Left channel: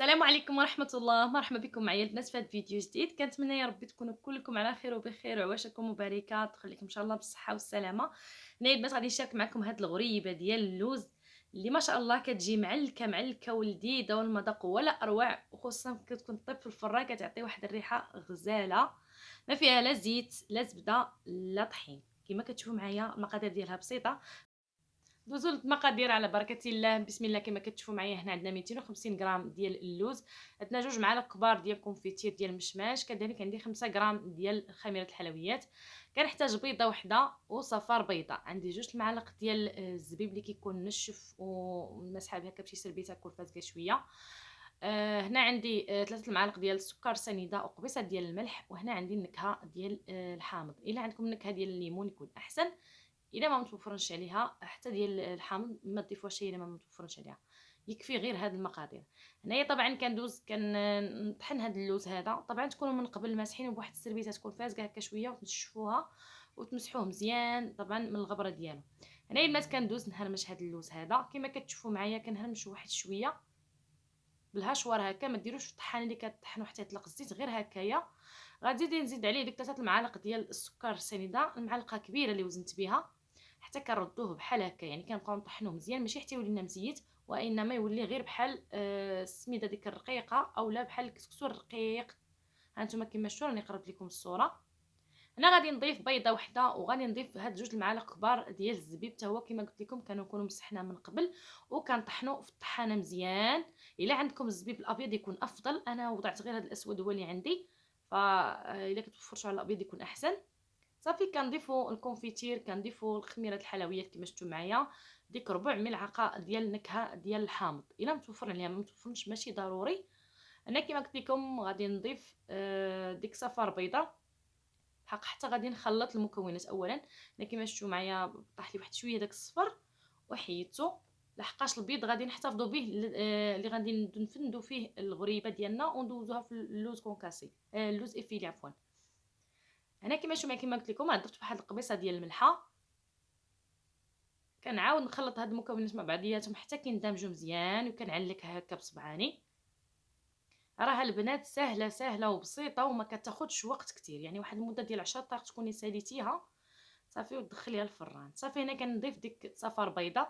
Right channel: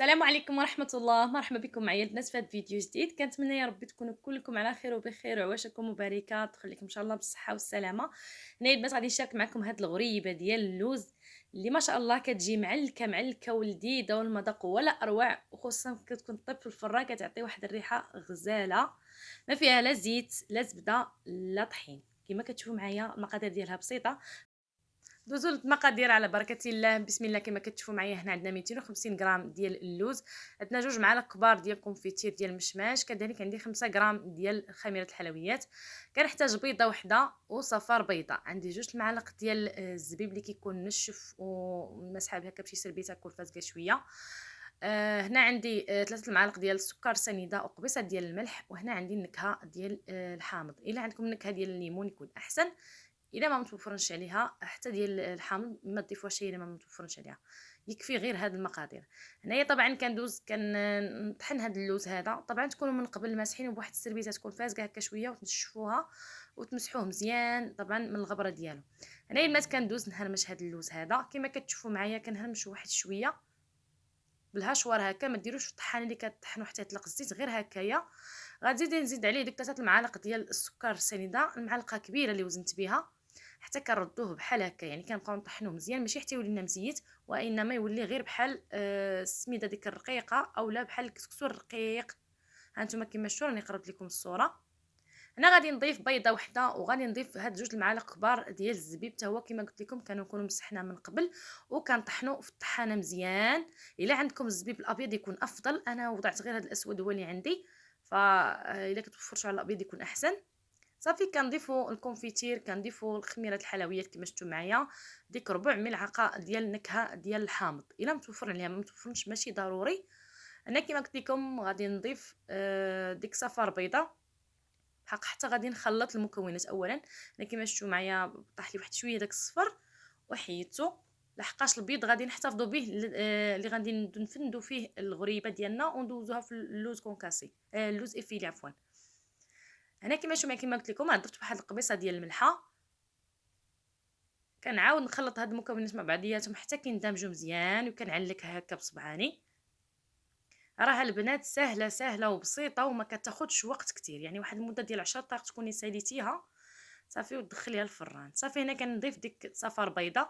السلام عليكم ورحمة الله، مرحبا بكم معايا البنات في هذا الفيديو جديد. كنتمنى يا ربي تكونوا كلكم على خير وبخير وعواشكم مباركة تخليكم ان شاء الله بالصحة والسلامة. هنايا البنات غادي نشارك معكم هاد الغريبة ديال اللوز اللي ما شاء الله كتجي معلكة معلكة ولذيذة والمذاق ولا اروع، وخصوصا كتكون طيب في الفران كتعطي واحد الريحة غزالة ما فيها لا زيت لا زبدة لا طحين. كما كتشوفوا معايا المقادير ديالها بسيطة. دوزو للمقادير على بركه الله. بسم الله. كما كتشوفوا معايا هنا عندنا 250 غرام ديال اللوز، عندنا 2 معالق كبار ديال كونفيتير ديال المشماش، كذلك عندي 5 غرام ديال خميره الحلويات، كنحتاج بيضه وحده وصفار بيضه، عندي 2 المعالق ديال الزبيب اللي كيكون نشف ومسحه هكا بشي سربيته كل فازكه شويه. هنا عندي 3 المعالق ديال السكر سنيده وقبيصه ديال الملح، وهنا عندي النكهه ديال الحامض. الا عندكم النكهه ديال الليمون يكون احسن، الا ما متوفرنش عليها حتى ديال الحامض ما تضيفوهاش الا ما متوفرنش عليها، يكفي غير هاد المقادير. هنايا طبعا كندوز كنطحن هاد اللوز هذا، طبعا تكونوا من قبل ماسحينه بواحد السربيته تكون فازكه هكا شويه وتنشفوها وتمسحوه مزيان طبعا من الغبره ديالو. هنايا البنات كندوز نهرمش هاد اللوز هذا كما كتشوفوا معايا، كنهرمش واحد شويه بالهشوار هكا، ما ديروش في الطحانه اللي كطحنوا حتى يطلق الزيت، غير هكايا. غادي نزيد عليه ديك 3 المعالق ديال السكر السنيده، المعلقه كبيره اللي وزنت بها، حتى كنردوه بحال هكا، يعني كنبقاو نطحنوه مزيان ماشي حتى يولي لنا مزيت، وانما يولي غير بحال السميده ديك الرقيقه اولا بحال الكسكسو الرقيق. هانتوما كما شفتوا راني قربت لكم الصوره. هنا غادي نضيف بيضه وحده، وغادي نضيف هاد 2 المعالق كبار ديال الزبيب، حتى هو كما قلت لكم كنكونوا مسحنا من قبل وكنطحنوا في الطحانه مزيان. الا عندكم الزبيب الابيض يكون افضل، انا وضعت غير هاد الاسود هو اللي عندي، فاذا كتوفرتوا على الابيض يكون احسن. صافي كنضيفوا الكونفيتير، كنضيفوا الخميره الحلويات كما شفتوا معايا، ديك ربع ملعقه ديال النكهه ديال الحامض، الا متوفر عليها ما متوفرش ماشي ضروري. انا كما قلت لكم غادي نضيف ديك صفار بيضه بحق، حتى غادي نخلط المكونات اولا. انا كما شفتوا معايا طاح لي واحد شويه داك الصفر وحيدته، لحقاش البيض غادي نحتفظوا به اللي غادي نفندوا فيه الغريبه ديالنا وندوزوها في اللوز كونكاسي، اللوز افيلي عفوا. هنا كما شفتوا معايا كما قلت لكم درت واحد القبيصه ديال الملحه، كنعاود نخلط هاد المكونات مع بعضياتهم حتى كيندمجوا مزيان، وكنعلكها هكا بصبعاني. راها البنات سهله سهله وبسيطه وما كتاخذش وقت كتير، يعني واحد المده ديال 10 دقائق تكوني ساليتيها صافي وتدخليها الفران. صافي هنا كنضيف ديك صفار بيضه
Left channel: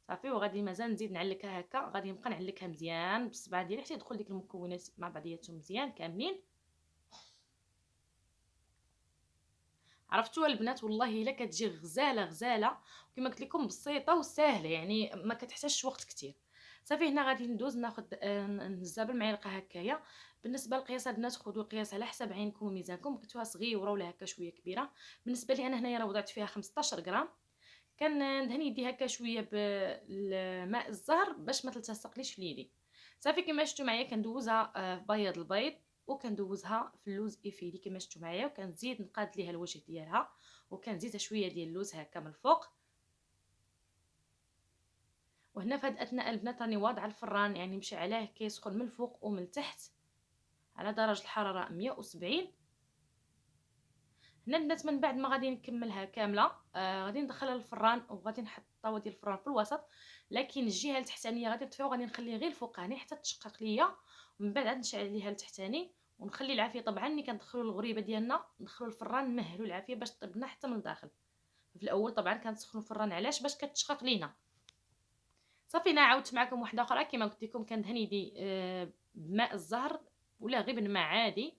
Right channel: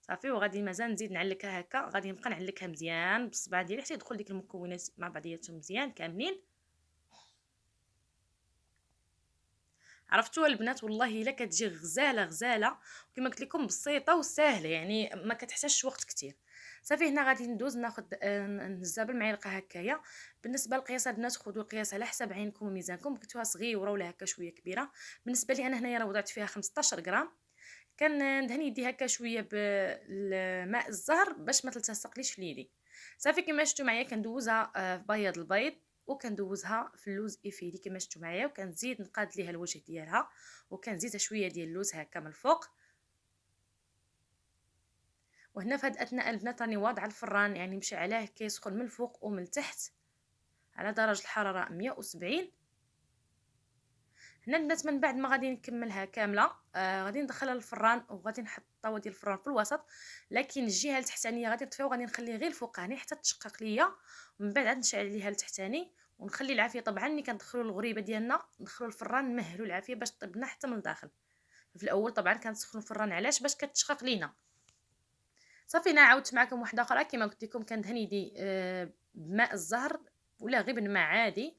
صافي، وغادي مازال نزيد نعلكها هكا، غادي نبقى نعلكها مزيان بالصبع ديالي حتى يدخل ديك المكونات مع بعضياتهم مزيان كاملين. عرفتوا البنات والله الا كتجي غزاله غزاله، وكما قلت لكم بسيطه وسهله، يعني ما كتحتاجش وقت كتير. صافي هنا غادي ندوز ناخذ نهزها بالمعلقه هكايا. بالنسبه للقياس البنات خذوا القياس على حسب عينكم وميزانكم، بغيتوها صغيره ولا هكا شويه كبيره. بالنسبه لي انا هنايا راه وضعت فيها 15 غرام، كندهن يدي هكا شويه بالماء الزهر باش ما تلتصقليش في يدي. صافي كما شفتوا معايا كندوزها في بياض البيض، وكندوزها في اللوز افيلي كما شفتوا معايا، وكنزيد نقاد ليها الوجه ديالها، وكنزيد شويه ديال اللوز هكا من الفوق. وهنا في هاد الاثناء البنات راني واضعه الفران يعني مشي عليه كيسخن من الفوق ومن التحت على درجه الحراره 170. هنا البنات من بعد ما غادي نكملها كامله غادي ندخلها للفران، وغادي نحط الطاوه ديال الفران في الوسط، لكن الجهه التحتانيه غادي نطفيها وغادي نخليه غير الفوقاني حتى تشقق ليا، ومن بعد عاد نشعل عليها التحتاني ونخلي العافيه. طبعا ملي كندخلوا الغريبه ديالنا ندخلوا الفران نمهلوا العافيه باش طيب لنا حتى من الداخل. في الاول طبعا كنسخنوا الفران علاش؟ باش كتشقق لينا. صافي انا عاودت معكم واحده اخرى كما قلت لكم كندهن يدي بماء الزهر ولا غير بالماء عادي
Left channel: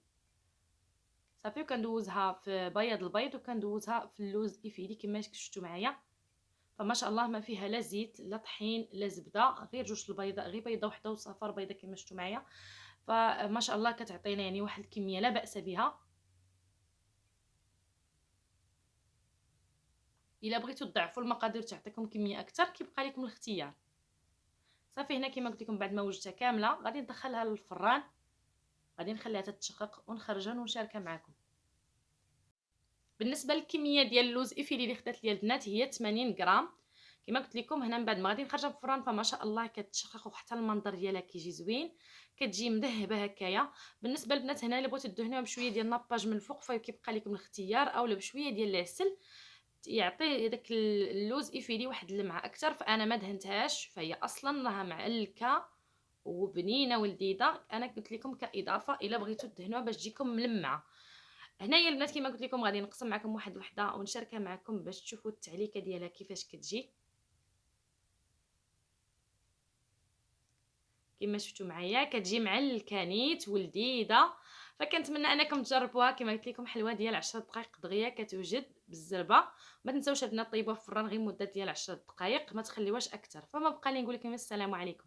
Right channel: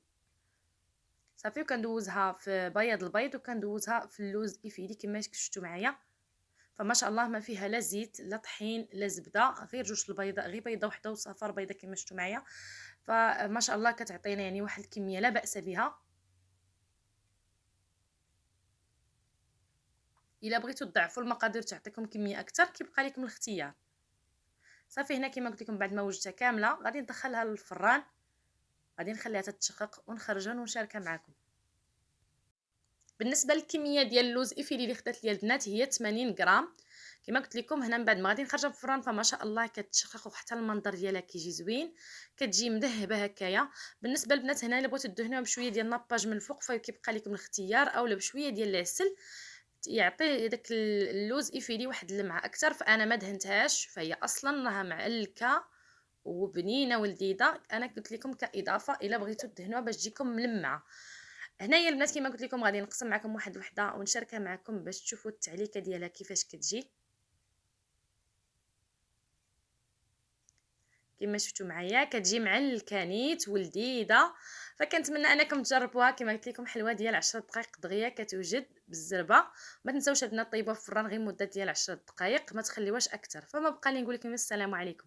صافي، وكندوزها في بياض البيض وكندوزها في اللوز افيلي كما شفتوا معايا. فما شاء الله ما فيها لا زيت لا طحين لا زبده، غير جوج البيضاء، غير بيضه وحده وصفار بيضه كما شفتوا معايا. فما شاء الله كتعطينا يعني واحد الكميه لا باس بها. الا بغيتوا تضعفوا المقادير تعطيكم كميه اكثر كيبقى لكم الاختيار. صافي هنا كما قلت لكم بعد ما وجدتها كامله غادي ندخلها للفران، غادي نخليها تتشقق ونخرجها ونشاركها معكم. بالنسبه للكميه ديال اللوز افيلي اللي خدات ليا البنات هي 80 غرام. كما قلت لكم هنا من بعد ما غادي نخرجها في الفران فما شاء الله كتشقق، وحتى المنظر ديالها كيجي زوين، كتجي مذهبه هكايا. بالنسبه للبنات هنا الا بغيتو دهنوها بشويه ديال الناباج من الفوق فكيبقى لكم الاختيار، اولا بشويه ديال العسل يعطي داك اللوز يفيدي واحد اللمعة أكتر، فأنا ما دهنتهاش، فهي أصلًا راها معلكة وبنينة ولذيذة. أنا قلت لكم كإضافة إلا بغيتو دهنوها باش تجيكم ملمعة. هنايا البنات كيما قلت لكم غادي نقسم معكم واحد الوحدة ونشاركها معكم باش تشوفوا التعليكة ديالها كيفاش كتجي. كما شفتوا معايا كتجي معلكة نيت ولذيذة، فكنتمنى انكم تجربوها. كما قلت لكم حلوه ديال 10 دقائق دغيا كتوجد بالزربه. ما تنساوش البنات طيبوها في الفران غير مده ديال 10 دقائق، ما تخليوهاش اكثر. فما بقى لي نقول لكم السلام عليكم.